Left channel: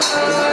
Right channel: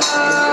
love.